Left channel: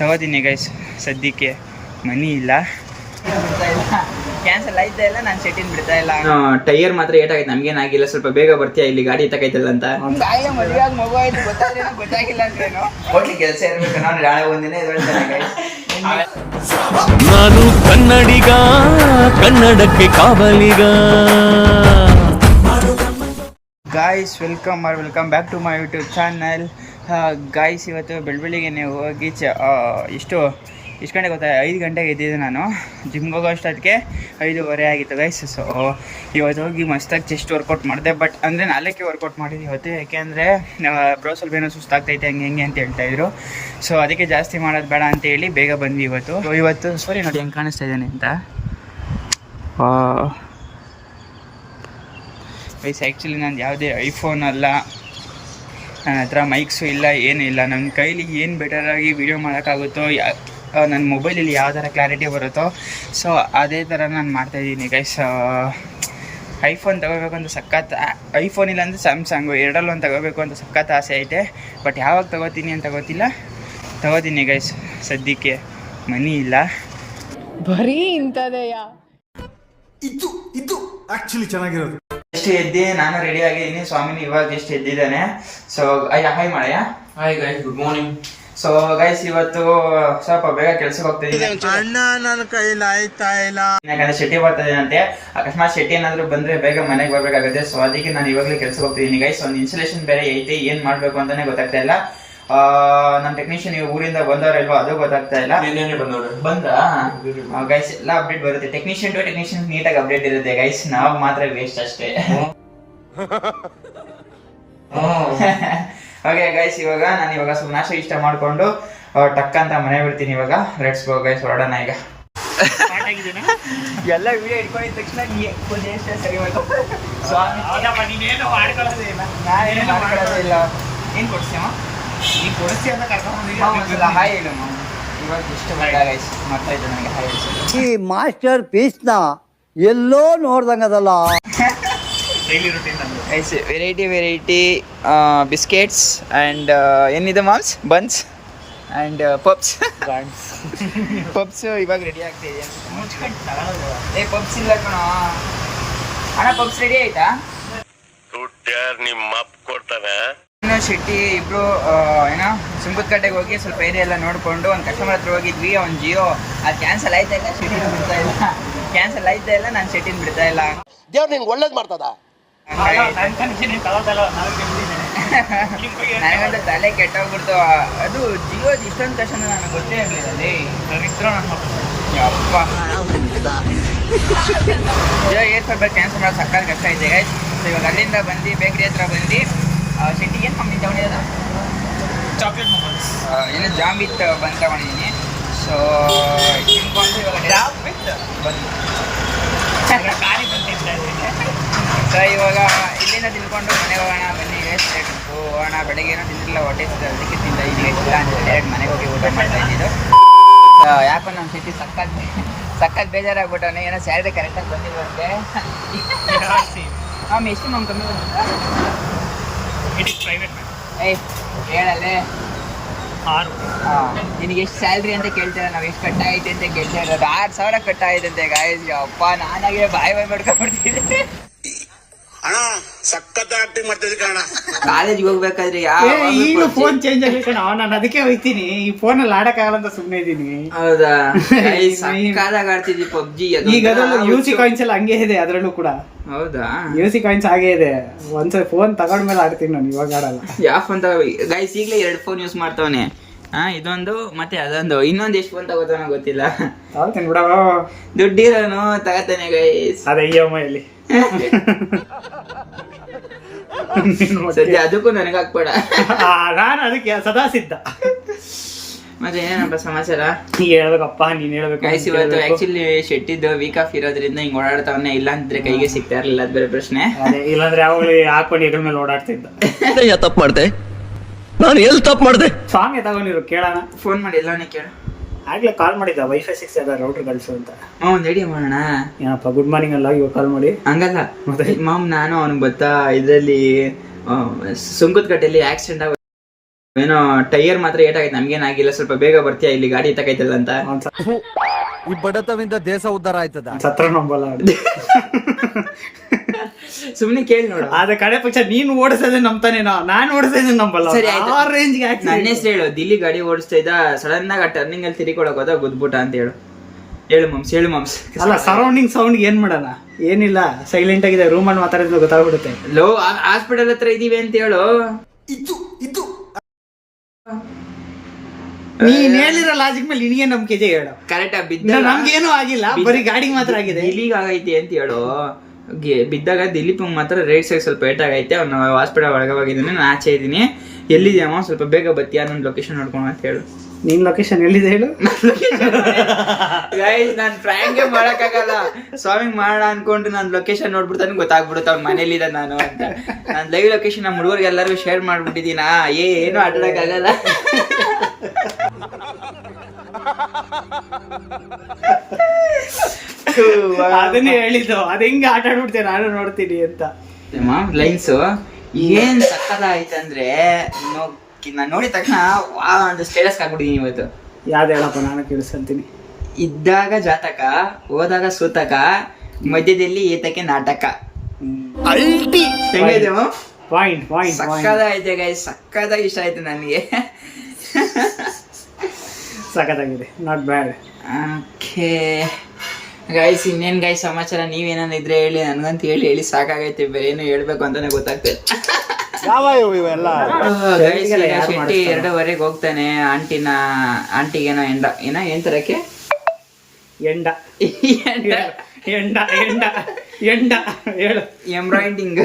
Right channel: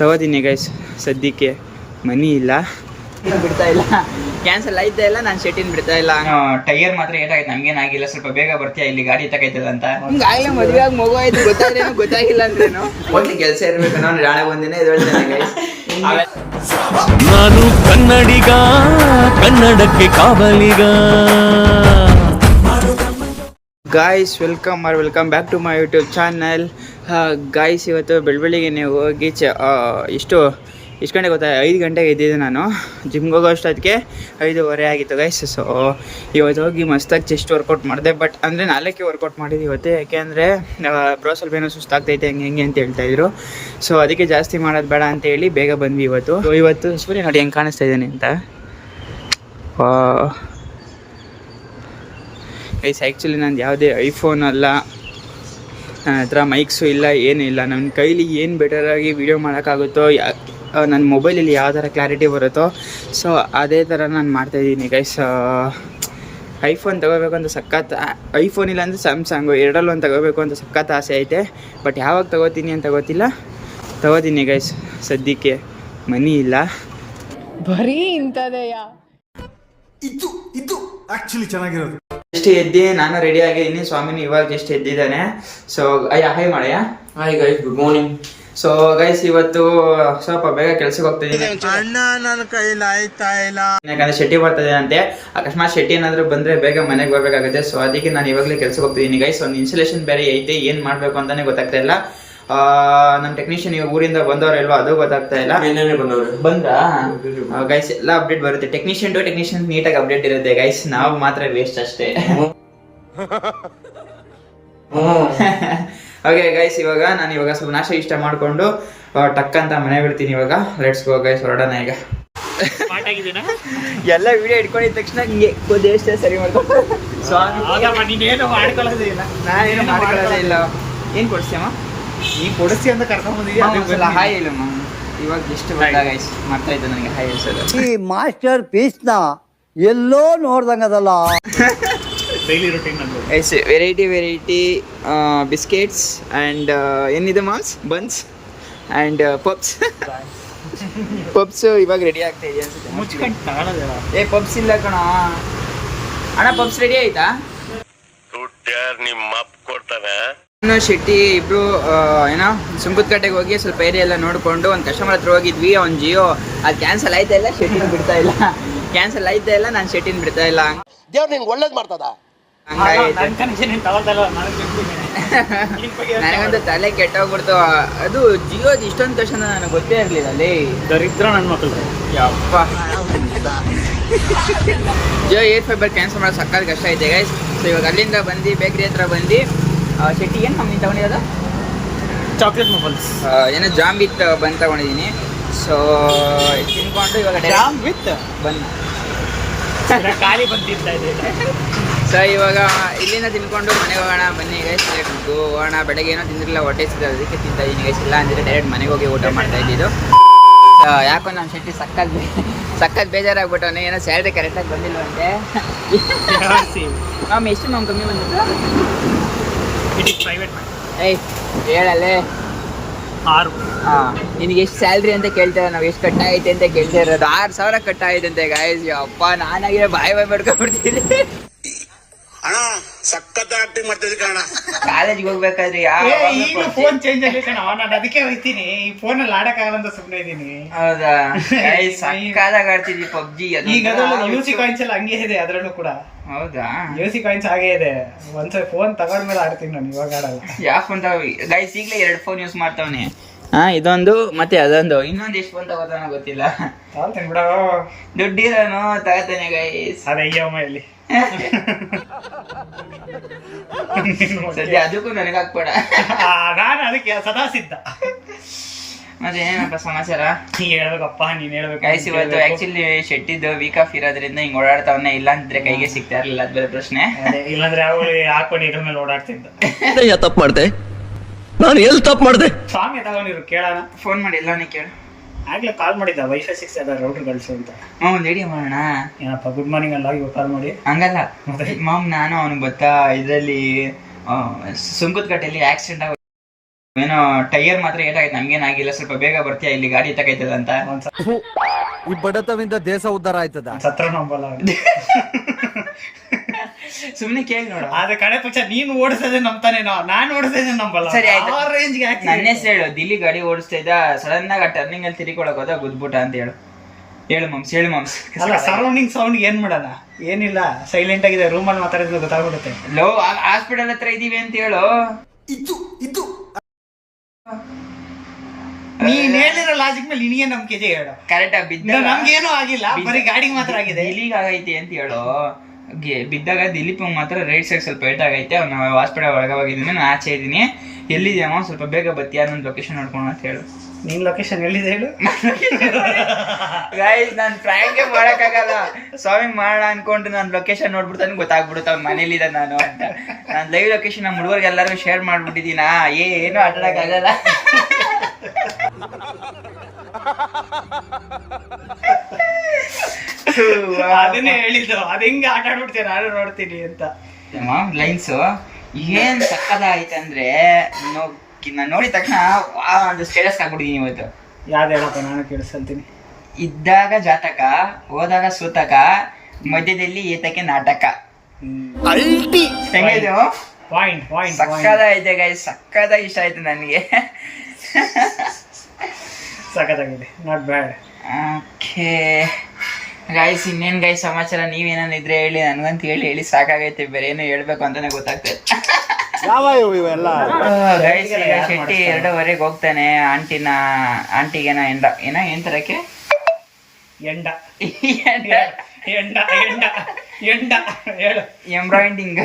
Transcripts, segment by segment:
ತಗೋತೀನಿ ಗೈಸ್. ಸದ್ಯಕ್ಕೆ ಮನಿ ಇಲ್ಲ, ಬಿಡ್ತಾ ಇಲ್ಲ, ಕ್ಯಾನ್ಸಲ್ ಆಯ್ತಾ ಇಲ್ಲ. ನಾನು ಶೆಟ್ಟಿನ ಬಿಡ್ತಾ ಇಲ್ಲ. ಟೈರ್ ಮಾತ್ರ ಏಟಾಗೈತೆ, ನಮ್ಗೇನಾಗಿಲ್ಲ. ಸ್ವಲ್ಪ ಬೇಗ ಬರ್ತೀಯಾ ಇಲ್ಲಿ ಗಾಡಿ ಎತ್ತಕೈತಲ್ಲ ಅಂತ. ಆಗ್ಲೇ ಮದುವೆ ಆಗಿ ಮಗು ಆಯ್ತು, ಗೊತ್ತಾದ್ರೇನೋ ಗೊತ್ತಾಗಿಲ್ಲ ಅಂದ್ರೇನು. ಒಟ್ಲಿ ಕೆಲಸ ಇರ್ಬೇಕು. ನಾನು ನಾಳೆ ಒಂದಿನ ಎದ್ದೇಳ್ತೇನೆ ಗೈಸ್. ನಾನು ಕನ್ನಡಿಗ, ಕನ್ನಡಕ್ಕೆ ಕಾವಲಿಗ. Guys welcome back to my YouTube channel. Guys ಇವತ್ತು ಬೆಳಬೆಳಿಗ್ಗೆ ಹೋಗಿ ಎಷ್ಟು ಗಂಟೆಗೆ ಗೊತ್ತಾ? 5 ಗಂಟೆಗೆ ಎದ್ದಿದ್ದೆ ನಾನು. ಜಿಮ್ಗೆ ಹೋಗೋ ಅಷ್ಟೊತ್ತಿಗೆ 5:15 ಆಗಿತ್ತು ಗೈಸ್. ಸೊ ಇವತ್ತು ಹೋಗಿ ಮಸ್ತಾಗಿ ಚೆಸ್ಟ್ ವರ್ಕೌಟ್ ಮಾಡಿದೆ. ಬಟ್ ಅಂದರೆ 4ಕ್ಕೆ ವರ್ಕೌಟ್ ಮಾಡಿದ್ದು ಇವತ್ತು. ಯಾಕೆಂದರೆ ಬ್ರೋ ಸ್ವಲ್ಪ ಏನೋ ಸುಸ್ತಾಗ್ತೈತೆ ಹೆಂಗೆ ಅಂತ ಹೇಳ್ತಾಯಿದ್ರು. ಸೊ ಅದಕ್ಕೆ ಜಾಸ್ತಿ ಮಾಡೋದು ಬೇಡ ಅಂತ ಹೇಳಿ ಬೇಗ ಬಂದ್ವಿ ಇವತ್ತು. ಸೂರ್ಯ ನೋಡಿ ಹೆಂಗೆ ಕಾಣಿಸ್ತಾ ಇದ್ದಾನೆ ಅಂತ. ಗೈಸ್ ಆ್ಯಕ್ಚುಲಿ ನಂದು ಯಾವುದೇ ಐಫೋನ್ ಅಲ್ಲ, ನನ್ನ ಹತ್ರ ಮೈಕ್ಸು ಇಲ್ಲ, ಏನಿಲ್ಲ. ನನ್ನ ಕೈಲಿ ಏನು ಬೆಟರಾಗಿ ವೀಡಿಯೋ ಮಾಡೋಕ್ಕಾಗುತ್ತೋ, ನನ್ನ ಮೊಬೈಲಲ್ಲಿ ಯಾವ ಥರ ಕ್ಲಾರಿಟಿ ಬರುತ್ತೋ, ಸೊ ಅದೇ ಥರ ನಾನು ಮಾಡ್ತಾಯಿದ್ದೀನಿ ಗೈಸ್. ಐಫೋನ್ ತೊಗೋಬೇಕು ಅಂತ ಸಖತ್, ಐಫೋನ್ ಇಲ್ಲ ಅಂದರೆ ಸ್ಯಾಮ್ಸಂಗು, ಎರಡಲ್ಲೂ ಒಂದು ತೊಗೋಬೇಕು ಅಂತ ಸಖತ್ ಆಸೆ ಐತೆ. ಬಟ್ ಯಾವಾಗ ತೊಗೋತೀನಿ ಅಂತ ಗೊತ್ತಿಲ್ಲ. ತೊಗೋತೀನಿ ಗೈಸ್. ಸದ್ಯಕ್ಕೆ ಮನಿ ಇಲ್ಲ, ಬರೀ ಇಂಥದೆಯಾ. ಇದು ಆಕ್ಚುಲಿ ಚೆನ್ನಾಗಿರೋದು. ಎಷ್ಟು ಎದ್ದಿ ನಾನು ರೆಡಿ ಆಗಿದ್ದೀನಿ. ಸ್ವಾಮಿನಿ ಇವಾಗ ಎಷ್ಟು ಎದ್ದಿದ್ದಾನೆ. ಸೊ ಹಾಯ್ ಮಾಡಯ್ಯ. Hi guys, good morning. So guys ಇವತ್ತು ಸ್ವಲ್ಪ ಬೇಗ ಕೆಲ್ಸಕ್ಕೆ ಹೋಗ್ತಿದ್ದೀನಿ. ಅಣ್ಣ ನನ್ನ ಕೈಲಿ ಆಯ್ತಾ ಇಲ್ಲ, ಯಾಕಂದ್ರೆ ಶೆಟ್ಟಿ ಬರ್ತದೆ ಅಂತೆ. ಅಕಸ್ಮಾತ್ ಶೆಟ್ಟಿ ಏನಾದ್ರು ಬಂದ್ರೆ ಬೇಗ ಮನೆಗೆ ಬರ್ಬೇಕಾಗುತ್ತೆ. ಸೊ ಅದಕ್ಕೆ ನಾನು ಇವಾಗಲೇ ಕೆಲ್ಸಕ್ಕೆ ಹೋಗ್ತಿದ್ದೀನಿ ಗೈಸ್. ಒಂದು ಇನ್ಸ್ಟಾಲೇಷನ್ ಬೇರೆ ಐತೆ, ಏನ್ ಮಾಡ್ಬೇಕು ಅಂತಾನೆ ಗೊತ್ತಾಗ್ತಾ ಇಲ್ಲ. ನಮ್ಮ ಟೆಕ್ನಿಷಿಯನ್ ಊರಿಂದ ಬಂದವರಲ್ವಾ ಅದು ಗೊತ್ತಾಗ್ತಾ ಇಲ್ಲ. ಬಂದ್ರಾ ಗೈಸ್? ಎಲ್ಲ ಅಪ್ಡೇಟ್ ಬರುತ್ತೆ. ಟೆಕ್ನಿಷಿಯನ್ ಟು ಟೆಕ್ನಿಷಿಯನ್ ನೀಟಾಗಿ ಅಪ್ಡೇಟ್ ಇರುತ್ತೆ ಗೈಸ್. ನಾವು ಮಾತ್ರ ವೇಸ್ಟ್ ಅಷ್ಟೇ. ಓಕೆ ಗೈಸ್, ಇವಾಗ ಸ್ವಲ್ಪ ನಾಷ್ಟ ಇಷ್ಟ ಮಾಡಿಕೊಂಡು ಟಕ್ ಅಂತ ಮನೆ ಬಿಡ್ತೀನಿ. ಇವಾಗ ಲೆಟ್ಸ್ ಗೋ ಗೈಸ್, ಹೊರಡೋಣ ಈಗ. ಎಲ್ಲ ವಿಡಿಯೋ ಇಟ್ಕೊಂಡಿದ ತಕ್ಷಣ ಎಷ್ಟೇ ಸರಿ ಮಾಡ್ಕೊಂಡು ನಾನೇನು ಮಾಡ್ಕೊಳ್ಳೋದೇ ಇಲ್ಲ. ಏನು ಕೊಡ್ತೀಯಮ್ಮ? ಕೊಡಿಸಿ ಅಂತ ಕರ್ಕೊಂಡ್ ಬಂದಿದ್ದೀವಿ. ಹಾಯ್ ಹೇಳು ಮಾಮ್. ಇವಾಗ ಎಷ್ಟು ಬಂದಾಗ ಗೈಸ್ ಮಾಡ್ತಾ ಇದ್ದೆ ನನಗೆ ಹಾಯ್ ಹೇಳ್ಸೋದು. ಈ ಮಾಸ್ಟರ್ ಪೀಸ್ನ ಎಲ್ಲೋ ನೋಡ್ದಂಗದಲ್ಲ. ವೆರೈಟಿ ಬಿಸ್ಕೆಟ್ಸ್ ಆ್ಯಂಡ್ ಏನಿದೆ ಮಾಮ್ಸ್, ಬನ್ಸ್ ಆ್ಯಂಡ್ ಪಪ್ಸ್. ಪಪ್ಸ್ ಇವಾಗ ರೆಡಿ ಆಗ್ತಾ ಇದೆ ಅನ್ಸುತ್ತೆ. ಪಪ್ಸ್ ಇಲ್ಲ ಕಣ ಅಣ್ಣ. ಪಪ್ಸ್ ರೆಡಿ ಆಯ್ತಾ? ನಾನು ಶೆಟ್ಟಿ ಇಬ್ರು ಏನೋ ಸುಂಕದಕಟ್ಟೆಗೆ ಹೋಗಿ ಸ್ವಲ್ಪ ಏರಿಯಾ ಎಲ್ಲ ನೋಡಿಕೊಂಡು ಒಂದು ಕಸ್ಟಮರ್ ಹತ್ರ ಹೋಗಿದ್ವಿ. ಅವ್ನು ಜಿಯೋ ಅದು ಕ್ಯಾನ್ಸಲ್ ಆಯ್ತಾ ಇಲ್ಲ, ಶೆಟ್ಟಿನ ಬಿಡ್ತಾ ಇಲ್ಲ. ಕ್ಯಾನ್ಸಲ್ ಆಯ್ತಾ ಇಲ್ಲ, ನಾನು ಶೆಟ್ಟಿನ ಬಿಡ್ತಾ ಇಲ್ಲ. ದೇವ್ರು ನಿಂಗೆ ಒಳ್ಳೇದು ಮಾಡ್ತದ. ನನಗಂತೂ ತಲೆ ಕೆಟ್ಟೋಗ್ಬಿಡ್ತು. ಅದು ಜಿಯೋದು ಇಷ್ಟೊಂದು ಕಷ್ಟ ನನಗೆ ಗೊತ್ತೇ ಇರಲಿಲ್ಲ. ಅಲ್ಲಿ ದರಿದ್ರ ನನ್ನ ಮಕ್ಕಳು ಯಪ್ಪ. ಜಿಯೋ ಏರ್ ಫೈಬರ್ ಕ್ಯಾನ್ಸಲ್ ಮಾಡೋದು ಸಕ್ಕತ್ ಕಷ್ಟ ಐತೆ ಗೈಸ್. ಸೊ ಇವಾಗ ಅಲ್ಲಿಂದ ಬಂದು ಬೇಕ್ರಿ ಹತ್ರ ಬಂದು ಶೆಟ್ಟಿ ಏನು ಕಂಪ್ನಿ ತಗೊಂಡಿರೋದು? ಚಾಕ್ಲೇಟ್ ಮೊಬೈಲ್ಸ್ ಏನೋ ಜಾಮ್ ವಿತ್ ಬಂದು ತಗೊಂಡಿದ್ದೀನಿ. ಸೊ ತಿನ್ಕೊಂಡು ಇವಾಗ ಬನ್ನಿ. ಸೊ ಇವಾಗ ಇಲ್ಲಿಂದ ತಿನ್ಕೊಂಡು ಮನೆಗೆ ಹೋಗೋಣ ಬನ್ನಿ ಗೈಸ್. ಹೋಗೋಣ. ಬೆಳಗ್ಗೆ ಏನೋ ತಿಂದಿರಲಿಲ್ಲ, ಹೊಟ್ಟೆ ಸಿಗ್ತದೆ, ಅದಕ್ಕೆ ತಿಂತಾ ಇದ್ದೀನಿ ಗೈಸ್. ಇಲ್ಲ ಅಂದರೆ ಡೈರೆಕ್ಟ್ ಮನೆಗೆ ಹೋಗಿ ಊಟ ಮಾಡ್ತಾ ಇದ್ದಿದ್ದು. ಯಾಕೋ ನನ್ನ ಶೆಟ್ಟಿ ಸಕ್ಕತ್ ಬೇಜಾರಾಗ್ಬಿಟ್ಟವನೇ. ಏನೋ ಸ್ಯಾಲ್ರಿ ಕರೆಕ್ಟಾಗಿ ಬಂದಿಲ್ವಂತೆ. ಎಷ್ಟು ಮ್ಯಾಮ್ ಕಮ್ಮಿ ಬಂದಿತ್ತು? ಏಯ್ ಹೇಳಲ್ಲೇ. ನಿನಗೆ ಎಷ್ಟು ಸ್ಯಾಲ್ರಿ ಅಂತ ಕೇಳ್ತೇವೆ ನಾವು, ಎಷ್ಟು ಕಟ್ಟಾಗೈತೆ ಅಂತ ಕೇಳ್ತಾ ಇರೋದು. 6,000 ಕಟ್ಟಾಗೈತೆ ಅಂತೆ ಗಾಯ್ಸ್. ಅಪ್ಪ ನಾನಾಗೆ ಬಾಯ್ ಮಾಡ್ಕೊಂಡ್ಬಿಡ್ತಿದ್ದೆ. ಅಣ್ಣ ಸಖತ್ ಆಕ್ಟಿಂಗ್ ಮಾಡ್ತಿದ್ದೆ ಕಣ. ಕಾಲೇಜ್ಗೆ ಹೋಗ್ಬೇಕಾದ್ರೆ ಫೋನ್ ಚೇಂಜ್ ಆಗೈತೆ. ನಾನು ಅದಕ್ಕೆ ಹೋಗ್ತೀನಿ, ಈ ಫೋನ್ ಅಲ್ಲಿ ಆಡಕ್ಕಾಗಲ್ಲ ಅಂತ ಸುಮ್ಮನೆ ಇದ್ದೀನಿ. ಹೌದಾ ಗೈಸ್? ಸಕ್ಕತ್ತಾಗಿ ಆಡ್ತಿದ್ವಿ ಪಬ್ಜಿ. ಈಗ ಯೂಸಿ ಕಾಯಿನ್ಸ್ ಎಲ್ಲ ಹಂಗೆ ಇದೆ ಅದರಲ್ಲೂ ಕೂಡ. ಹೌದಾ? ಯೂಸಿ ಕಾಯಿನ್ಸ್ ಹಾಗೆ ಇದೆ. ಒಂದ್ಸಲ ಫೋನ್ ತಗೊಂಡ್ಮೇಲೆ ಆಡ್ತೀನಿ ನಾನು, ಇವಾಗ ಆಡಲ್ಲ. ಯಾವ ಫೋನ್ ತಗೋ ಗೈಸ್? ಈಗಲೇ 2 ಫೋನ್ ಯೂಸ್ ಮಾಡ್ತಾವನಿ. ಇದೊಂದು ಮತ್ತೆ ಅದೊಂದು. ಇನ್ನೊಂದು ಎಷ್ಟು ಫೋನ್ ತಗೋತಾನೋ ಗೊತ್ತಿಲ್ಲ. ಬಿಡ, ದುಡ್ಡಿರೋನು ತಗೋತಾನೆ ಗೈಸ್. ಅದೇ EMI ಅಲ್ಲಿ. ಸದ್ಯ ಅದಕ್ಕೂ ನನಗೆ ಹಾಕ್ಬೇಡ. ನಾನು ಅದಕ್ಕೆ ಸದಾ ಸಿದ್ಧ. ಮತ್ತೆ ಏನಪ್ಪ ಸಮಾಚಾರ? ಹೇಳ್ಬೇಕಪ್ಪ, ನೀನ್ ಹೇಳ್ಬೇಕು ಗೈಸ್. ಇವತ್ತು ಆಕ್ಚುಲಿ ಶೆಟ್ಟಿದ್ದು ವೀಕ್ ಆಫ್ ಇರೋದ್ರಿಂದ ಹಿಂಗ್ ಓಡಾಡ್ತಾವನ್ನ. ಇಲ್ಲ ಅಂದ್ರೆ ಕೈಗೆ ಸಿಗ್ತಾ ಇರಲಿಲ್ಲ, ಅದು ಬೇರೆ ಪ್ರಶ್ನೆ. ಇಲ್ಲಾಂದ್ರೆ ಯಾವಾಗ ಹಾಕೊಂಡು ಇದ್ರ ಮೇಲೆ ಓಡಾಡ್ತಿದ್ದ. ತಪ್ಪು ಮಾಡ್ದೆ ನಾನು, ಎಲ್ಲಿ ತಪ್ಪು ಮಾಡ್ದೆ? ಸಾಂಗ್ ತಗೊಂಡಿರು, ಕೇಳೋಣ. ಫೋನ್ ಮಾಡಿ ಎಲ್ಲವನ್ನೇ ಕೇಳು. ಆಗ್ಲೇ ಕಾಲ್ ಮಾಡಿದ್ದ, ವೈಫೈ ಸಿಗ್ತದ ರೌಟರ್ ಕಳ್ಸು ಅಂತ. ರೆಡಿ ಮಾಡೋಣ. ಏನಪ್ಪ ಗುಡ್ ಮಾರ್ನಿಂಗ್ ಅಲ್ಲ, ಇವಾಗ ಕಾಲ್ ಮಾಡಿ. ಹಂಗಲ್ಲ ಮಾಮ್, ನಾನು ಅವ್ನಿಗೆ ಗೊತ್ತಾ ಇದರಲ್ಲಿ ಸುಂಕದಕಟ್ಟೆಯಲ್ಲಿ ಆಕ್ಸಿಡೆಂಟ್ ಆಗ ಏನೋ ಟೈರ್ ಮಾತ್ರ ಏಟಾಗೈತೆ, ನಮ್ಗೇನಾಗಿಲ್ಲ. ಸ್ವಲ್ಪ ಬೇಗ ಬರ್ತೀಯಾ ಇಲ್ಲಿ ಗಾಡಿ ಎತ್ತಕೈತಲ್ಲ ಅಂತ. ಈ ಬಡತವಿಂದ ದೇಶ ಉದ್ಧಾರ ಆಯ್ತದ. ಸತ್ರ ನಂಬಲ್ಲ ಸುಮ್ನೆ ಕೇಳಿ ನೋಡು. ಅದ ಕಡೆ ಪಕ್ಷ ನೀನ್ ಓಡಿಸೋದೇ ನಂಬ್ತಾನೆ, ನಾನು ಓಡಿಸೋದೇ ನಂಬಲ್ಲ. ಸರಿ ಆಯ್ತು, ಆ ರೇಂಜ್ಗೆ ನನ್ನ ಹೆಸರು ಹೇಳು. ದಿಲ್ಲಿ ಗಾಡಿ ಓಡಿಸ್ತಾ ಇದ್ದ, ಸಡನ್ ಆಗಿ ಆ ಟರ್ನಿಂಗ್ ಅಲ್ಲಿ ತಿರುಗಿಕೊಳಕ್ ಹೋದ, ಗುದ್ಬಿಟ್ಟ ಅಂತ ಹೇಳು. ಹೇಳು ಮಮ್ಸ್. ಅಲ್ಲ, ಸರೌಂಡಿಂಗ್ ಸೌಂಡ್ ಏನ್ ಮಾಡೋಣ? ಏನಿಲ್ಲ, ಸೈಲೆಂಟ್ ಆಗಿದೆ, ರೂಮಲ್ಲಿ ಮಾತಾಡಿದ್ರೆ ಗೊತ್ತಾಗ್ಬಿಡುತ್ತೆ. ಲೋ, ಹಾಸ್ಪಿಟಲ್ ಹತ್ರ ಇದೀವಿ ಅಂತ ಹೇಳು. ನೀನ್ ಹೇಳಿರೋ ಲಾಜಿಕ್ ಮೇಲೆ ನಿನಗೆ ನಂಬಿಕೆ ಇದೆ, ಹೇಳು. ಕರೆಕ್ಟಾ? ನಮ್ಗೇನು ಆಗಿಲ್ಲ, ಬರೀ ಗಾಡಿಗೆ ಮಾತ್ರ ಆಗಿದೆ. ದಿಲ್ಲಿಗೆ ಆಗೈತೆ ಅಂತ ಹೇಳು. ಬಿದ್ದಾಗ ದಿಲೀಪ್ ಮಾತ್ರ ರೈಟ್ ಸೈಡ್ ಸ್ವಲ್ಪ ಏಟಾಗೈತೆ, ಅವ್ನು ಹಾಸ್ಪಿಟಲ್ ಒಳಗೆ ಹೋಗಿದ್ದೀನಿ, ನಾನು ಆಚೆ ಇದ್ದೀನಿ. ಎಲ್ಲಿದ್ಯಾಮ, ಸ್ವಲ್ಪ ಬೇಗ ಬತ್ತೀಯಾ, ನನ್ನ ಲೊಕೇಶನ್ ನೋಡ್ಕೊಂಡು ಅಂತ ಹೇಳು. ನಿನ್ ಲೊಕೇಶನ್ ಎಲ್ಲಿದೆ ಹೇಳು. ಗೈಸ್, ನಾನು ಫ್ರ್ಯಾಂಕೇ ಮಾಡೋಕ್ಕಾಗಲ್ಲ. ಸ್ವಾಮಿಂಗ್ ಮಾಡೋಣ ಅನ್ಕೊಂಡು ನಾನು ಲೊಕೇಶನ್ ನೋಡ್ಬಿಡ್ತಾನೆ, ಗೊತ್ತಾಗ್ಬಿಡುತ್ತೆ ಅವ್ನು ಮನೇಲಿದ್ದ ನಾನು ಅಂತ. ನಾನು ಲೈವ್ ಲೊಕೇಶನ್ ನಮ್ಮ ಹುಡುಗರಿಗೆ ಎಲ್ಲರಿಗೂ ಶೇರ್ ಮಾಡ್ಬಿಟ್ಟಿದ್ದೀನಾ, ಏನು ಆಟಾಡಕ್ಕಾಗಲ್ಲ. ಅದನ್ನೇ ಹೇಳಿದ್ದು, ಅದ್ ಹೆಂಗ ಆಟ ಆಡ್ಬಿಡ್ತೇನೆ ನಾನು ನೋಡ್ತೀನಿ ಅಂತ. ಲೈನ್ಸು ಏನ್ ಸಕ್ಕದಾಯ್ತಂದ್ರೆ, ನಾನು ನೋಡಿದ ತಕ್ಷಣ ಒಂದು ಸ್ಟೇಟಸ್ ಹಾಕ್ಬಿಟ್ಟಿದೀನಿ ಇವತ್ತು. ಯಾವ್ದು ಹೇಳಪ್ಪ, ನಾನು ಕೇಳಿಸ್ಕೊಂತೀನಿ. ಇದ್ದಾಗ ಜಾತಕ, ಹೋದಾಗ ಸೂತಕ, ಮಧ್ಯದಲ್ಲಿ ಏತಕ್ಕೆ ನಾಟಕ. ಹೆಂಗಿದೆ? ಸಕ್ಕದಾಯ್ತೆ ಗೈಸ್, ಸಕ್ಕದಾಗಿ ಇಷ್ಟ ಆಯ್ತು ನನಗೆ. ಸಕ್ಕದಾಗಿದೆ, ನಾಟ್ ಬ್ಯಾಡ್. ಓಕೆ ಗೈಸ್, ಇನ್ನೇನು ಗೈಸ್ ಸಮಾಚಾರ? ನೀವೇನಿದ್ರೆ ಹೇಳಿ, ನನಗಂತ ಹೇಳಿ ಸಾಕಾಗೈತೆ, ಬೇರೆ ಏನು ಹೇಳ್ಬೇಕು ಅಂತಾನೆ ಗೊತ್ತಾಗ್ತದೆ. ಗೈಸ್, ಈಗ ಶೆಟ್ಟಿ 2:15 ಹೋಗ್ತಾನೆ ಆಂಟಿಗೇನೋ ಏನ್ ತರಕ್ಕೆ ಎಂಡ ಹೇಳು. ಎಂಬ್ರಾಯ್ಡಿಂಗ್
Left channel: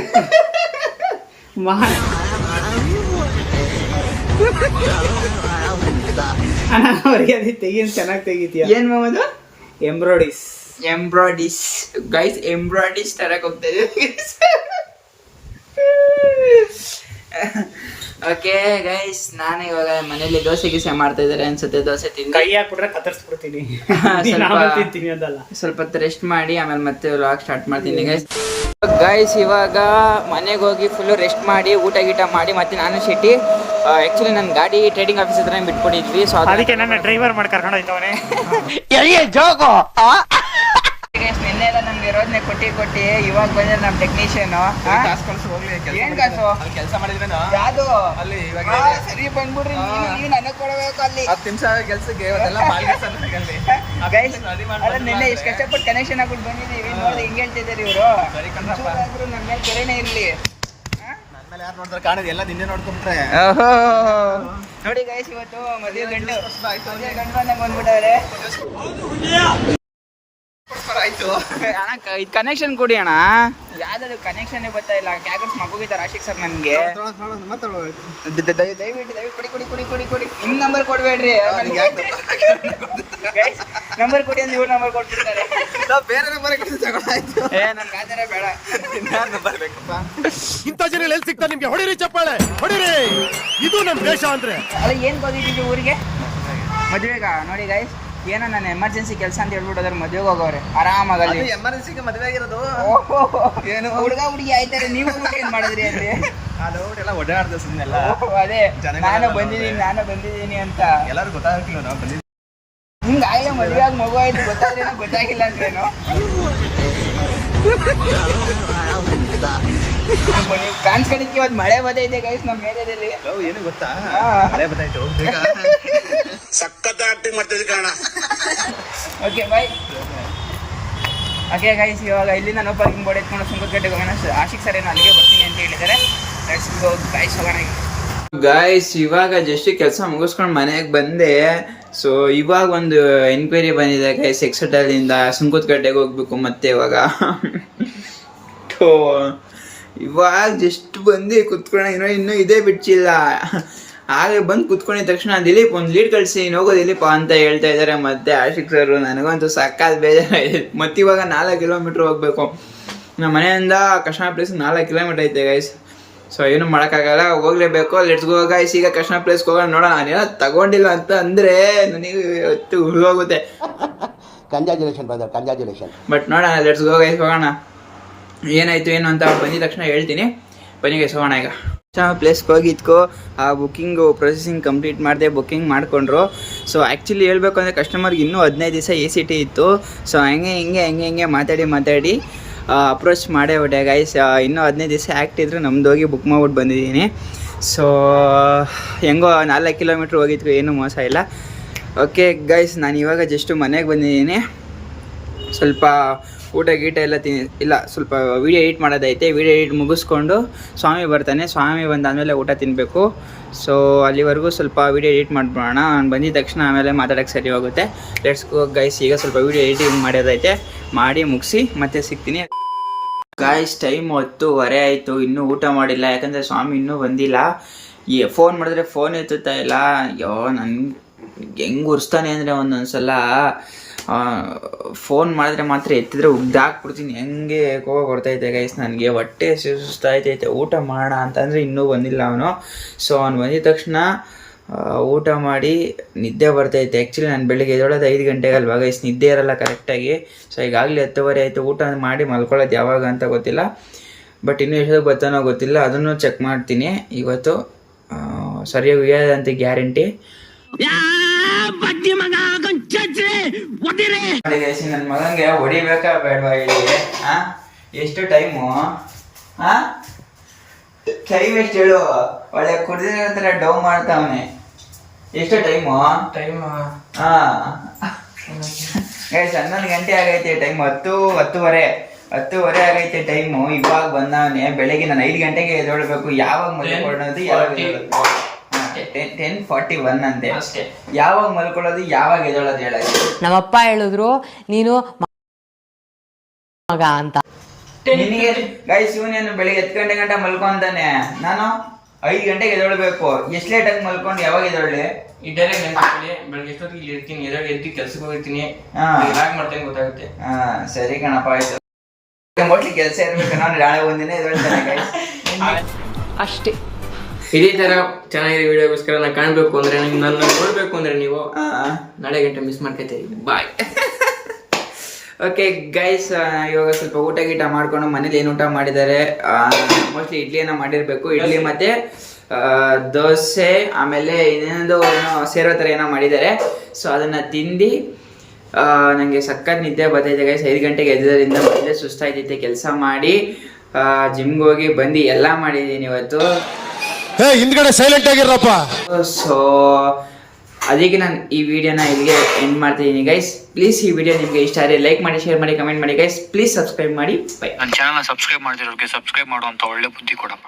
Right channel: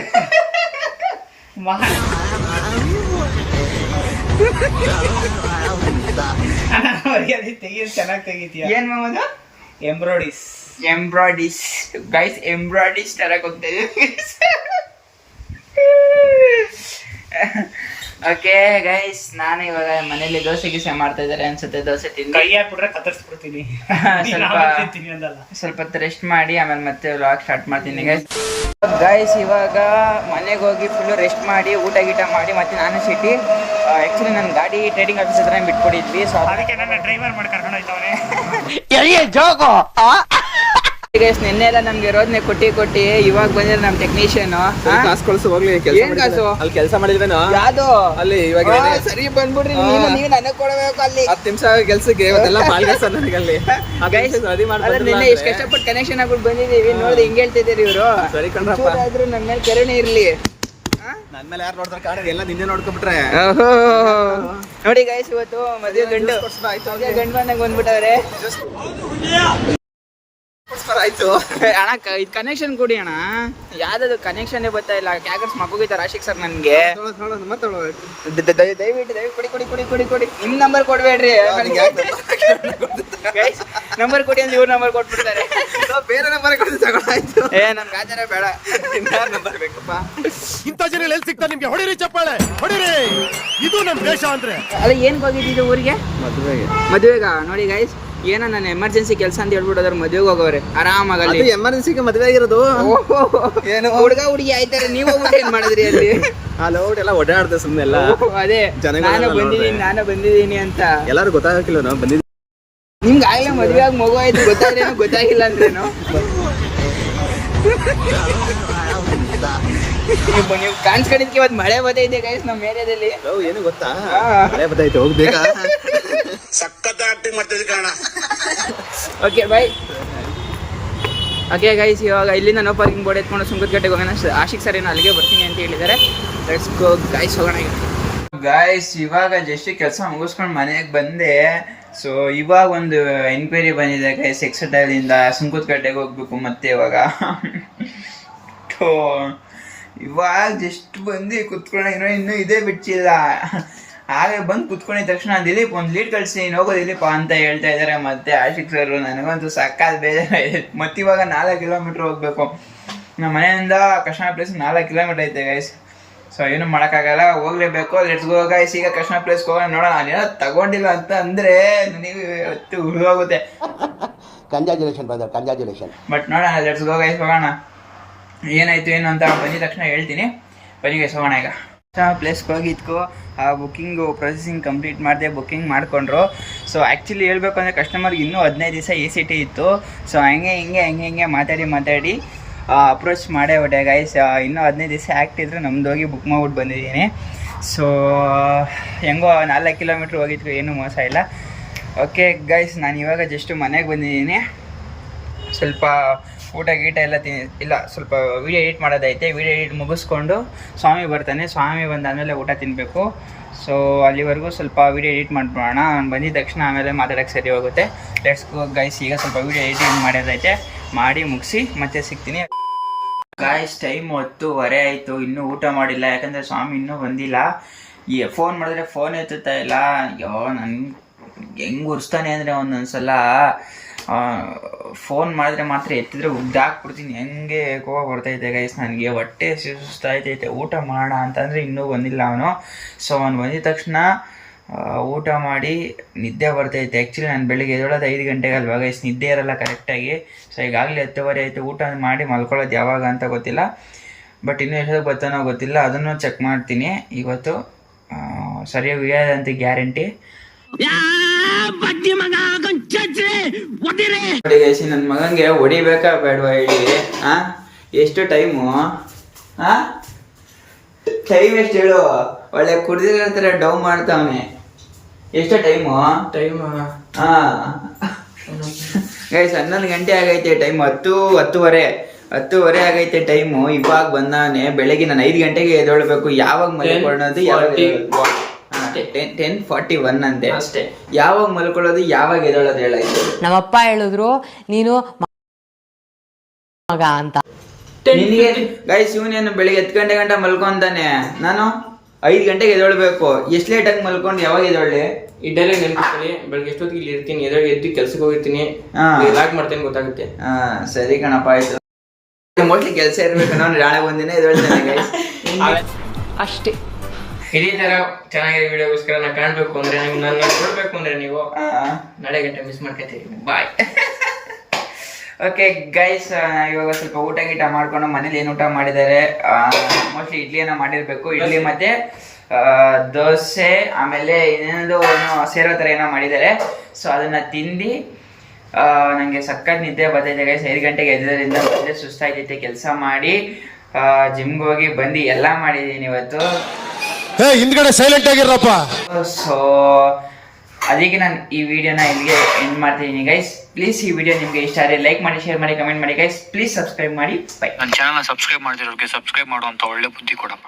ತೆಗಿ, ಚೆನ್ನಾಗಿ ತೆಗಿತೀಯ. ಏನ್ ಮಾಮದು? ಎಂಬ್ರಾಯ್ಡಿಸ್ ಗೈಸ್, ಎಂಬ್ರಾಯ್ಡಿಸ್ ತರಕ್ ಹೋಗ್ತಾ ಇದೀವಿ. ಓಕೆ ಗೈಸ್, ನಾನು ಇವಾಗ ಮನೇಲಿ ದೋಸೆ ಗೀಸೆ ಮಾಡ್ತಾ ಇದ್ದಾರೆ ಅನ್ಸುತ್ತೆ. ದೋಸೆ ತಿಂದು ಸ್ವಲ್ಪ ಹೊತ್ತು ರೆಸ್ಟ್ ಮಾಡಿ ಆಮೇಲೆ ಮತ್ತೆ ವ್ಲಾಗ್ ಸ್ಟಾರ್ಟ್ ಮಾಡ್ತೀನಿ ಗೈಸ್. ಇವಾಗ ಮನೆಗೆ ಹೋಗಿ ಫುಲ್ ರೆಸ್ಟ್ ಮಾಡಿ ಊಟ ಗೀಟ ಮಾಡಿ ಮತ್ತೆ ನಾನು ಶೆಟ್ಟಿ ಆಕ್ಚುಲಿ ನನ್ನ ಗಾಡಿ ಟ್ರೇಡಿಂಗ್ ಆಫೀಸ್ ಹತ್ರ ಬಿಟ್ಬಿಟ್ಟಿದ್ವಿ. ಸೊ ಅದಕ್ಕೆ ಡ್ರೈವರ್ ಮಾಡಿ ಕರ್ಕೊಂಡು ಹೋಗ್ತಾನೆ. ನಿನ್ನೆ ಎಲ್ಲ ನಮ್ಗೆ ರೋದ್ನೆ ಕೊಟ್ಟಿ ಇವಾಗ ಬಂದ್ರೆ ನಮ್ ಟೆಕ್ನಿಷಿಯನ್ ಏನ್ ಕಾಸು ಕೆಲಸ ಮಾಡಿದ್ರೆ ಯಾವ್ದು ಅಲ್ಲಿ ಸರಿ ಬಂದ್ಬಿಡ್ರಿ, ನೀನು ನನಗೆ ಕೊಡಬೇಕು ಅಲ್ಲಿ 10 ನಿಮಿಷ ಕೆಲ್ಸಕ್ಕೆ ಅಲ್ಲ ನಿನ್ನೆ ಎಷ್ಟು ಕಷ್ಟಪಟ್ಟು ಕನೆಕ್ಷನ್ ಹಾಕ್ಬಿಟ್ಟು ಬಂದಿದೀವಿ. ನೋಡಿದ್ರೆ ಹಿಂಗ್ ಹೇಳ್ತಿದ್ದೀರಿ ಇವರು. ಆದ್ರೂ ನನ್ನ ಮೇಲೆ ಕೆರೆನೇ ಇರ್ಲಿ. ನನ್ ಮೇಲೆ ಯಾರು ನೋಡ್ತಾರೆ ಕಾಣಿದೆ, ಎಲ್ಲ ನಿನ್ನೆ ನೋಡ್ಕೊಂಡ್ಬಿಟ್ರೆ. ನೋಡಿ ಗೈಸ್, ಇವತ್ತು ಮದುವೆ ಗಂಡು ಮನೆಗೆ ಬಂದ್ಬಿಟ್ಟವ್ರೆ. ಆಯ್ತು ಅಣ್ಣ, ಇದು ಕನೆಕ್ಷನ್ ಕೊಡಿ ಅಣ್ಣ. ಯಾವ್ದು ಕನೆಕ್ಷನ್ ಬರ್ತಾ ಇಲ್ಲ. ಕ್ಯಾಗರ್ಸ್ ಮಗುಗಿದ್ದಾರೆ ರಾಶಿಕ್ ಸರ್ ನನ್ಗೆ. ದಯವಿಟ್ಟು ಕೊಡಿ. ನಿಮ್ ನಂಬರ್ ಕೊಡ್ಬೇಡ್ರಿ. ನಂಬರ್ ಕೊಡಿ ಅಂದ್ರೆ ಇವ್ರ ನಂಬರ್ ಕೊಟ್ಬಿಡ್ತಾರೆ. ಬೇರೆ ನಂಬರ್ ತಗೊಂಡಾಯ್ತು. ನನ್ ಗಾಜರ ಬೇಡ, ಇಂಥ ಜನ ಎಲ್ಲಿ ಸಿಗ್ತಾರೆ ನಿಮ್ಗೆ? ಹೊಡಿರಿ ಚಪ್ಪಾಳೆ, ಹೊಡಿರಿ. ಇದು ನಮ್ ದೇಶ ಅಂದ್ರೆ. ಅಲ್ಲ, ಏನ್ ಹೋಗಿದ್ದೀವಿ ಊರಿಗೆ? ಮದುವೆಗ. ನೋಡಿ ಗೈಸ್, ಏನೋ ನಾನು ಎಮರ್ಜೆನ್ಸಿ ಕೆಲಸ ಅಂತ ಹೇಳ್ಬಿಟ್ಟೋದ್ರ ಮದುವೆಗೆ ಹೋಗೋರೆ ಆರಾಮಾಗಿ. ಅಲ್ಲಿ ಎಮರ್ಜೆನ್ಸಿಗೆ ಮದುವೆ ಆಗಿರೋದು. ಹುಡುಗ ಹುಡುಗಿ ಆಯ್ತಾರೆ, ನೀವು ಹೋಗ್ಬಿಟ್ಟು ಏನ್ ಮಾಡಿದ್ರಿ ಅಲ್ಲಿ? ಎಲ್ಲ ಓಡಾಡ್ದೆ ಸುಮ್ಮನೆ. ಅದೇ ನಾನು ಬಂದಿದ್ದೀನಿ ಅಂತ ಎಲ್ಲರೂ ಗೊತ್ತಾಗಕ್ಕಿಲ್ಲ ನಾವು ಬಂದಿದ್ದೀವಿ. ನಿಮ್ಗೆ ಆಗ್ಲೇ ಮದುವೆ ಆಗಿ ಮಗು ಆಯ್ತು, ಗೊತ್ತಾಗ್ರೇನೋ ಗೊತ್ತಾಗಿಲ್ಲ ಅಂದ್ರೇನು? ನೀವು ಕಾಣಿಸ್ಕೊಂಡಿದ್ಕೆ ಇವತ್ತು ಮಳೆ ಬರ್ತೈತೆ ಗೈಸ್ ನಮ್ಮ ಏರಿಯಾದಲ್ಲಿ. ಏನು ಗೊತ್ತಾ? ಮಳೆ ಬರ್ತೈತೆ, ಹೋಗ್ಬೇಕಾ? ಸಖತ್ ಆಕ್ಟಿಂಗ್ ಮಾಡ್ತಿದ್ದೆ ಕಾರಣ. Okay bye. ಓಕೆ ಗೈಸ್, ಇವಾಗ ಇಲ್ಲಿಂದ ನೋ ಪಾರ್ಕಿಂಗ್ ಬೋರ್ಡ್ ಎತ್ಕೊಂಡು ಸುಂಕದಕಟ್ಟೆಗೆ ಹೋಗೋಣ. ಆಶಿಕ್ ಸರ್ ಏನೋ ಅಲ್ಲಿಗೆ ಬರ್ತೀನಿ ಅಂತ ಹೇಳಿದ್ದಾರೆ. ಲೆಟ್ಸ್ ಗೋ ಗೈಸ್, ಹೋಗೋಣ ಈಗ. ಗೈಸ್, ಇವಾಗ ಜಸ್ಟ್ ಕೆಲಸ ಮುಗಿಸ್ಕೊಂಡು ಮನೆಗೆ ಬಂದೆ. ಸೊ ಇವಾಗ ಒಂದು ಎನ್ಕ್ವೈರಿ ಬಂದಿದೆ ಗೈಸ್, ಎಕ್ಸೆಟಲ್ಲಿಂದ ಸುಂಕದಕಟ್ಟೆಗೆ ಹೋಗ್ಬೇಕು. ಮತ್ತೆ ಇವಾಗ ಜಸ್ಟ್ ಬಂದು ಕುತ್ಕೊಳ್ಳೋಣ, ಇನ್ನೂ ಇದೇ ಬಿಡ್ಸಿಲ್ಲ. ಹಾಗೆ ಬಂದು ಕುತ್ಕೊಂಡಿದ ತಕ್ಷಣ ದಿಲೀಪ್ ಒಂದು ಲೀಡ್ ಕಳಿಸಿ ಹೋಗೋ ದಿಲೀಪ ಅಂತ ಹೇಳ್ತಾ ಇದ್ದಾರೆ ಮತ್ತೆ ಆಶಿಕ್ ಸರ್. ನನಗಂತೂ ಸಕ್ಕತ್ ಬೇಜಾರಾಗಿದೆ. ಮತ್ತೆ ಇವಾಗ 4 ಕಿಲೋಮೀಟ್ರ್ ಹೋಗ್ಬೇಕು ನಮ್ಮ ಮನೆಯಿಂದ ಕೃಷ್ಣ ಪ್ಲೇಸ್. 4 ಕಿಲೋಮೀಟ್ರ್ ಐತೆ ಗೈಸ್. ಸೊ ಏನು ಮಾಡೋಕ್ಕಾಗಲ್ಲ, ಹೋಗ್ಲೇಬೇಕು. Let's go guys. ಈಗ ಕೃಷ್ಣ ಪ್ಲೇಸ್ಗೆ ಹೋಗೋಣ. ನೋಡೋಣ, ನಾನೇನೋ ತಗೊಂಡಿಲ್ಲ ಅಂತ ಅಂದರೆ ನನಗೆ ಹೊತ್ತು ಹುಡುಗೋಗುತ್ತೆ. ಕಂಗ್ರಾಚುಲೇಷನ್. ಬಟ್ ನೋಡೋಣ, ಲೆಟ್ಸ್ ಗೋ ಗೈಸ್, ಹೋಗೋಣ. ಏನಾಯ್ತು ಏನು ಅಂತ ಬಂದಿದ ತಕ್ಷಣ ಹೇಳ್ತೀನಿ. ಬನ್ನಿ ಗೈಸ್, ಹೋಗೋಣ ಈಗ. ಪ್ಲೇಸ್ಗೆ ಹೋಗಿದ್ಕೋ ಆ ಬುಕ್ಕಿಂಗು ಪ್ರೊಸೆಸಿಂಗ್ ಕಂಪ್ಲೀಟ್ ಮಾಡಿದೆ, ಬುಕ್ಕಿಂಗ್ ಮಾಡಿಕೊಂಡ್ರು. ಸೊ ಆ್ಯಕ್ಚುಲಿ ಹೇಳ್ಬೇಕು ಅಂದರೆ ಕಸ್ಟಮರ್ಗೆ ಇನ್ನೂ 15 ದಿವಸ ACT ಇತ್ತು. ಸೊ ಹಂಗೆ ಮಾತಾಡಿ ಅಪ್ರೋಚ್ ಮಾಡೇ ಹೊಟ್ಟೆ ಗೈಸ್. ಇನ್ನೂ 15 ದಿವಸ ಆ್ಯಕ್ಟ್ ಇದ್ದರೆ ನಮ್ದು ಹೋಗಿ ಬುಕ್ ಮಾಡ್ಬಿಟ್ಟು ಬಂದಿದ್ದೀನಿ. ಸೊ ಹೆಂಗೋ 4 ಕಿಲೋಮೀಟ್ರ್ ಹೋಗಿದ್ಕು, ಏನೂ ಮೋಸ ಇಲ್ಲ. ಓಕೆ ಗೈಸ್, ನಾನು ಇವಾಗ ಜಸ್ಟು ಮನೆಗೆ ಬಂದಿದ್ದೀನಿ. ಸ್ವಲ್ಪ ಊಟ ಗೀಟ ಎಲ್ಲ ಸ್ವಲ್ಪ ವೀಡಿಯೋ ಎಡಿಟ್ ಮಾಡೋದೈತೆ. ವೀಡಿಯೋ ಎಡಿಟ್ ಮುಗಿಸ್ಕೊಂಡು ಸ್ವಾಮಿ ಬರ್ತಾನೆ. ಸ್ವಾಮಿ ಬಂದಾದಮೇಲೆ ಊಟ ತಿನ್ನಬೇಕು. ಸೊ ಅಲ್ಲಿವರೆಗೂ ಸ್ವಲ್ಪ ವೀಡಿಯೋ ಎಡಿಟ್ ಮಾಡ್ಬಿಡೋಣ. ಅವ್ನು ಬಂದಿದ ತಕ್ಷಣ ಆಮೇಲೆ ಮಾತಾಡೋಕ್ಕೆ ಸರಿ ಹೋಗುತ್ತೆ. Let's go guys. ಈಗ ಸ್ವಲ್ಪ ವೀಡಿಯೋ ಎಡಿಟಿಂಗ್ ಮಾಡೋದೈತೆ, ಮಾಡಿ ಮುಗಿಸಿ ಮತ್ತೆ ಸಿಗ್ತೀನಿ. ಗಾಯ್ಸ್, ಟೈಮ್ 10:30 ಆಯಿತು, ಇನ್ನೂ ಊಟ ಮಾಡಿಲ್ಲ. ಯಾಕಂದರೆ ಸ್ವಾಮಿ ಇನ್ನೂ ಬಂದಿಲ್ಲ. ಫೋನ್ ಮಾಡಿದ್ರೆ ಫೋನ್ ಎತ್ತುತ್ತಾ ಇಲ್ಲ. ಅಯ್ಯೋ, ನನಗೆ ಹೆಂಗೆ ಉರಿಸ್ತಾನೆ ಅಂದರೆ ಒಂದೊಂದ್ಸಲ ಫೋನ್ ಮಾಡಿದ್ರೆ ಮಾತ್ರ ಎತ್ತಿದ್ರೆ ಉಗ್ದಾಕ್ಬಿಡ್ತೀನಿ. ಹೆಂಗೆ ಕೋಪ ಬರ್ತೈತೆ ಗೈಸ್ ನನಗೆ. ಹೊಟ್ಟೆ ಸುಸ್ತಾಯ್ತೈತೆ. ಊಟ ಮಾಡೋಣ ಅಂತಂದರೆ ಇನ್ನೂ ಬಂದಿಲ್ಲ ಅವನು. ಸೊ ಅವ್ನು ಬಂದಿದ ತಕ್ಷಣ ಊಟ ಮಾಡಿ ನಿದ್ದೆ ಬರ್ತೈತೆ. ಆ್ಯಕ್ಚುಲಿ ನಾನು ಬೆಳಿಗ್ಗೆ ಎದ್ದೇಳೋದು 5 ಗಂಟೆಗೆ ಅಲ್ವಾ ಗೈಸ್, ನಿದ್ದೆ ಇರಲ್ಲ ಕರೆಕ್ಟಾಗಿ. ಸೊ ಈಗಾಗಲೇ 10:30 ಆಯಿತು. ಊಟ ಮಾಡಿ ಮಲ್ಕೊಳ್ಳೋದು ಯಾವಾಗ ಅಂತ ಗೊತ್ತಿಲ್ಲ. ಬಟ್ ಇನ್ನೂ ಎಷ್ಟೊತ್ತಿಗೆ ಬರ್ತಾನೋ ಗೊತ್ತಿಲ್ಲ, ಅದನ್ನು ಚೆಕ್ ಮಾಡ್ತೀನಿ ಇವತ್ತು. ಸರಿಯಾಗಿ ಉಯ್ಯೋದಂತ ಗ್ಯಾರಂಟಿ. ನೋಡಿ ಗೈಸ್, ನನ್ನ ಮಗಂಗೆ ಹೊಡಿಬೇಕಾ ಬೇಡವಾ ಹೇಳಿ? ಎಷ್ಟು ಟೈಮು? ಟೈಮ್ ಎಷ್ಟು ಹೇಳು? ಒಳ್ಳೆ ಕುಡ್ದಿರೋ ಥರ ಡೌ ಮಾಡ್ತಾವನೆ. ಎಷ್ಟು ಟೈಮು? ಗೈಸ್ 11 ಗಂಟೆ ಆಗೈತೆ ಟೈಮ್. 10:30 ಆಗೈತೆ ಟೈಮು. ಇವಾಗ ಬಂದವನೆ. ಬೆಳಗ್ಗೆ ನಾನು 5 ಗಂಟೆಗೆ ಎದ್ದೇಳಬೇಕು. ಯಾವಾಗ ಮಲ್ಕೊಳ್ಳೋದು, ಯಾವಾಗ 10:41 ಅಂತೆ. ಯಾವಾಗ ಮಲ್ಕೊಳ್ಳೋದು, ಯಾವಾಗ ಎದ್ದೇಳೋದು ಹೇಳಕ್ಕೆ? ನಮ್ಮಪ್ಪ ಹೇಳಿದ್ರು ನೀನು ಮಗ ಅಂತ. ನಿನಗೆ ಗೈಸ್, ಇವನೇನು ಬೆಳಿಗ್ಗೆ 10 ಗಂಟೆ ಮಲ್ಕೊಂತಾನೆ. ನಾನು 5 ಗಂಟೆಗೆ ಎದ್ದೇಳಬೇಕು. ಎಷ್ಟು ಲೇಟಾಗಿ ಮಲ್ಕೊಂಡು ಯಾವಾಗ ಎದ್ದೇಳಿ? ಈ ಡೈಲಾಗ್ ನೆನ್ಪಿಟ್ಕೊಳ್ಳಿ. ಬೆಳಗ್ಗೆ ಎಷ್ಟೊತ್ತಿಗೆ ಇಲ್ಲಿ ಇರ್ತೀನಿ, ಎದ್ದು ಕೆಲ್ಸಕ್ಕೆ ಹೋಗಿರ್ತೀನಿ, ಲಾಗ್ ಮಾಡ್ತೇನೆ ಗೊತ್ತಾಗುತ್ತೆ. ಸರಿ ಕಣಪ್ಪ, ಆಯ್ತು. ಮೋಸ್ಟ್ಲಿ ಕೆಲಸ ಇರ್ಬೇಕು. ನಾನು ನಾಳೆ ಒಂದಿನ ಎದ್ದೇಳ್ತೇನೆ ಗೈಸ್, ಅಷ್ಟೇ. ಇದೇ ತರ ಚೆನ್ನಾಗಿರೋ ವಿಡಿಯೋಗೋಸ್ಕರ ನಾನು ಕಾಣಬೇಕು ಅಂದ್ರೆ, ನನ್ನ ಕೊಡ್ಬೇಕು ಅಂದ್ರೆ ನೀವು ನಾಳೆ ಗಂಟೆ ಮಿಸ್ ಮಾಡ್ಕೊತೀರಿ. ಬಾಯ್. ಓಕೆ ಗೈಸ್, ಇವಾಗ ಸ್ವಲ್ಪ ಊಟ ಗೀಟ ಮಾಡ್ಕೊಂಡು ಮನೇಲಿ ಏನು ಊಟ ಮಾಡಿದ್ದಾರೆ, ಮೋಸ್ಟ್ಲಿ ಇಡ್ಲಿಯನ್ನು ಮಾಡಿರಬೇಕು. ಇಡ್ಲಿ ಮತ್ತು ದೋಸೆ, ಆಮೇಲೆ ಇನ್ನೊಂದು ಏನೋ ಸೇರೋ ಥರ ಏನೋ ಮಾಡಿದ್ದಾರೆ. ಸೊ ಅದನ್ನು ತಿಂದು ನನಗೆ ಸಖತ್ ನಿದ್ದೆ ಬರ್ತೈತೆ ಗೈಸ್. 5 ಗಂಟೆಗೆ ಎದ್ದರಿಂದ ಮೊದಲೇ ಸುಸ್ತಾಯ್ತೈತೆ. ಕೆಲಸ ಮಾಡಿ ಜಿಮ್ಗೆ ಹೋಗಿ ಬಂದು ಎಲ್ಲ ಮಾಡಿದ್ದೀನಿ ಇವತ್ತು. ಹಿಂದ್ಗಡೆ ಸೈಲೆಂಟ್ ಆಗಿರಪ್ಪ. ಸೊ ಅದಕ್ಕೆ ನಾನು ಈ ವಿಡಿಯೋನ ಇಲ್ಲಿಗೆ ಎಂಡ್ ಮಾಡ್ತಿದ್ದೀನಿ ಗೈಸ್. ಪ್ಲೀಸ್ ಈ ವಿಡಿಯೋ ನಿಮಗೆ ಇಷ್ಟ ಆದರೆ ಲೈಕ್ ಮಾಡಿ, ಶೇರ್ ಮಾಡಿ, ಕಮೆಂಟ್ ಮಾಡಿ ಗೈಸ್. ಪ್ಲೀಸ್ ಸಬ್ಸ್ಕ್ರೈಬ್ ಮಾಡಿ. ಬೈ. ನನ್ನ ಚಾನಲ್ನ ಸಬ್ಸ್ಕ್ರೈಬ್ ಮಾಡಿರೋರಿಗೆ ಸಬ್ಸ್ಕ್ರೈಬ್ ಮಾಡುವಂಥ ಒಳ್ಳೆ ಬುದ್ಧಿ ಕೊಡಪ್ಪ.